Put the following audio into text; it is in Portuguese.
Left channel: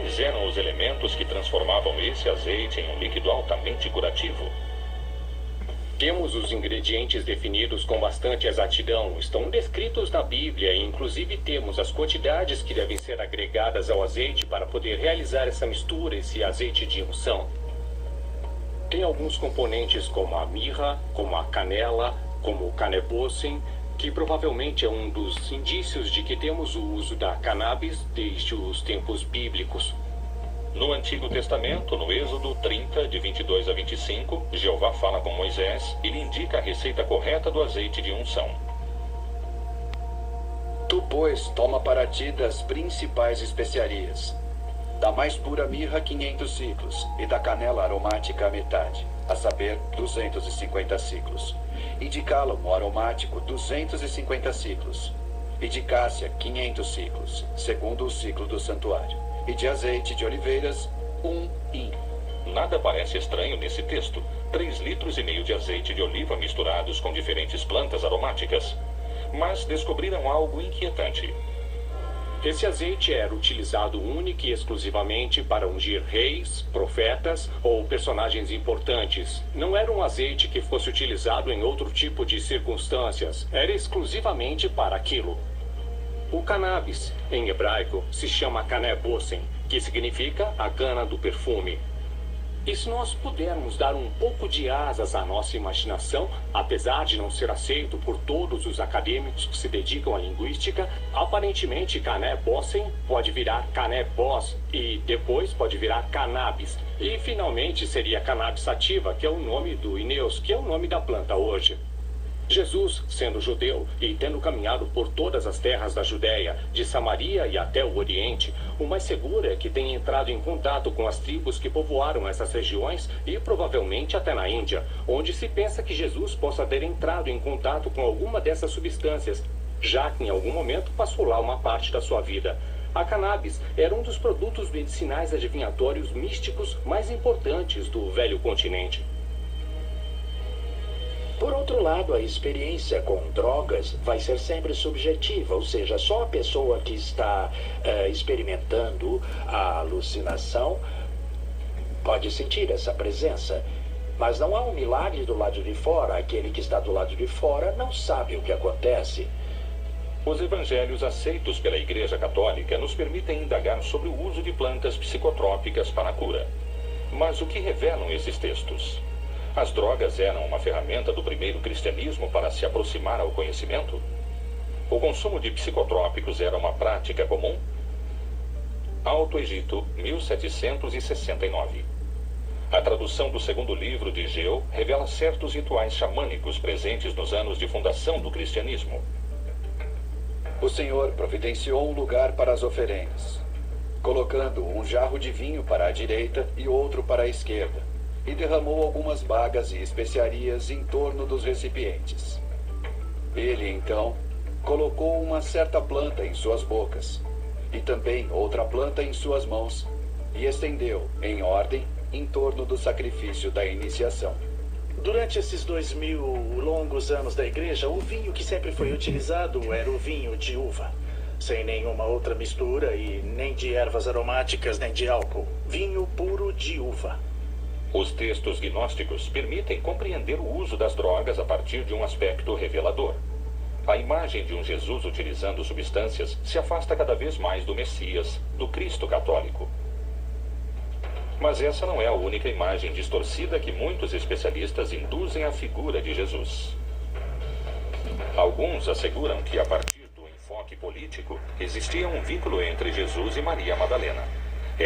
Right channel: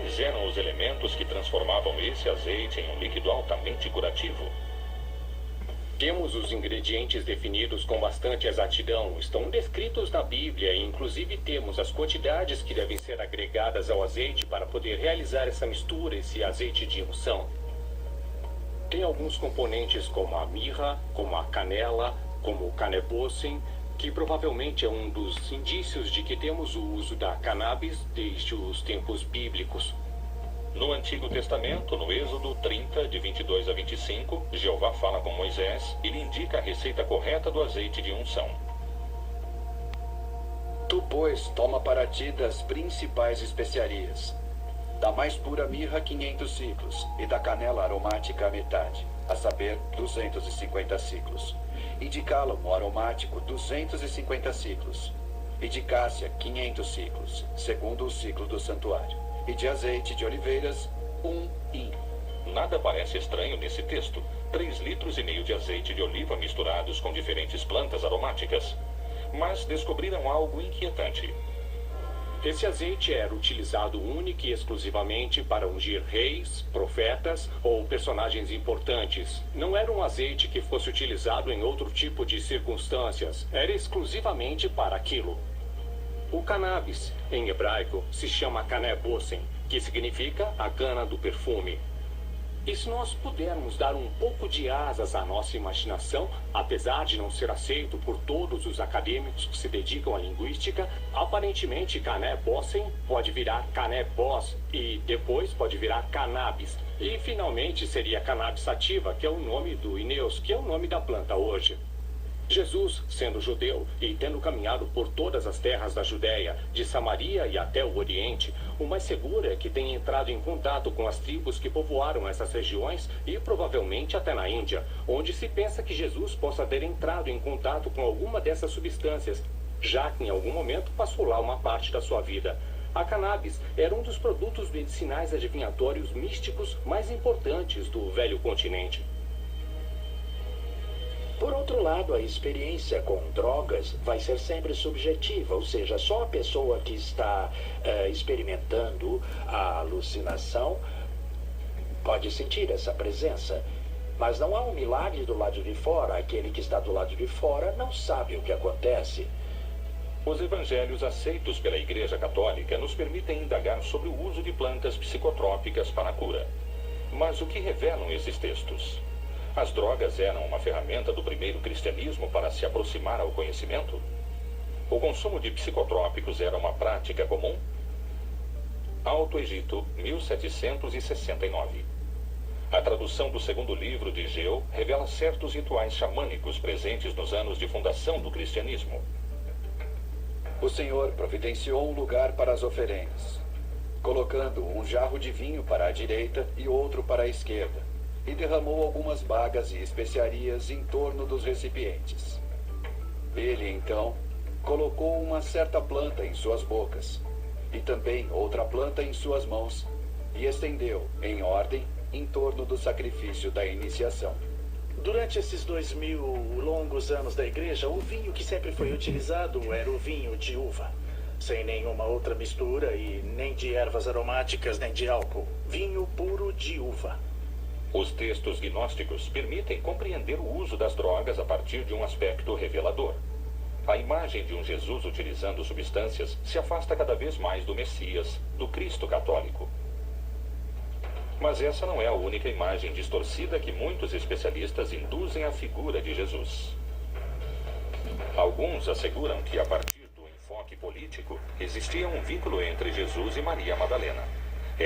Quais eram os elementos que transformavam esse azeite em um líquido altamente curativo? Temos os ingredientes definidos com bastante exatidão, estão descritos na Bíblia e inclusive temos as quantidades que devem ser agregadas ao azeite para poder realizar essa mistura, esse azeite de unção. Tem alguns componentes como a mirra, como a canela, como o canebossem, que provavelmente é um dos indícios de que temos o uso da cannabis desde os tempos bíblicos. No Antigo Testamento, no Êxodo 30, de 22 a 25, Jeová fala com Moisés e lhe indica a receita correta do azeite de unção. Tu, pois, toma para ti das principais especiarias. Da mais pura mirra 500 ciclos, e da canela aromática a metade, a saber, 250 ciclos. E de cálamo aromático 250 ciclos. E de cássia 500 ciclos, segundo o ciclo do santuário. E de azeite de oliveiras, 1 hin. Nada parece estranho nesse texto. 3,5 litros de azeite de oliva misturados com diferentes plantas aromáticas. Mas descobriram algo inquietante. Esse azeite era utilizado única e exclusivamente para ungir reis, profetas ou personagens importantes. Não era um azeite que fosse utilizado em outro tipo de circunstâncias. Era exclusivamente para aquilo. O cannabis, em hebraico, se chama canebossem, que significa a cana do perfume. E se nós pudermos dar um pouco de asas à nossa imaginação, apesar de não ser aceito por todos os acadêmicos que se dedicam à linguística, aparentemente canebossem pode virar canebós e depois pode virar cannabis. E finalmente seria cannabis sativa, que é o nome do Ineus, que é o nome da planta hoje. Jesus, sendo judeu e tendo caminhado por todas as terras da Judéia, de Samaria e até o Oriente, o mais seguro é que tenha entrado em contato com as tribos que povoaram essas regiões e provavelmente até na Índia, onde se pensa que Jesus possa ter entrado em contato com alguma dessas substâncias, já que em algum momento passou lá uma parte da sua vida. A cannabis era um dos produtos medicinais adivinhatórios místicos mais importantes do velho continente. Por outro lado, a experiência com drogas vai ser sempre subjetiva, ou seja, só a pessoa que está experimentando a alucinação pode sentir essa presença. Mas não há um milagre do lado de fora. Aquele que está do lado de fora não sabe o que acontece. Os evangelhos aceitos pela Igreja Católica nos permitem indagar sobre o uso de plantas psicotrópicas para a cura. Mas o que revelam esses textos? As drogas eram uma ferramenta do primeiro cristianismo para se aproximar ao conhecimento? O consumo de psicotrópicos era uma prática comum? Alto Egito, 1769. A tradução do segundo livro de Geu revela certos rituais xamânicos presentes nos anos de fundação do cristianismo. O Senhor providenciou um lugar para as oferendas, colocando um jarro de vinho para a direita e outro para a esquerda, e derramou algumas bagas e especiarias em torno dos recipientes. Ele, então, colocou uma certa planta em suas bocas, e também outra planta em suas mãos, e estendeu, em ordem, em torno do sacrifício da iniciação. Durante esses 2000 longos anos da igreja, o vinho que sempre foi utilizado era o vinho de uva, sem nenhuma outra mistura e nem de ervas aromáticas nem de álcool. Vinho puro de uva. Os textos gnósticos permitem compreender o uso das drogas a partir de um aspecto revelador. A imagem de um Jesus utilizando substâncias se afasta cada vez mais do Messias, do Cristo católico. Mas essa não é a única imagem distorcida que muitos especialistas induzem à figura de Jesus. Alguns asseguram que, a partir do enfoque político, existia um vínculo entre Jesus e Maria Madalena.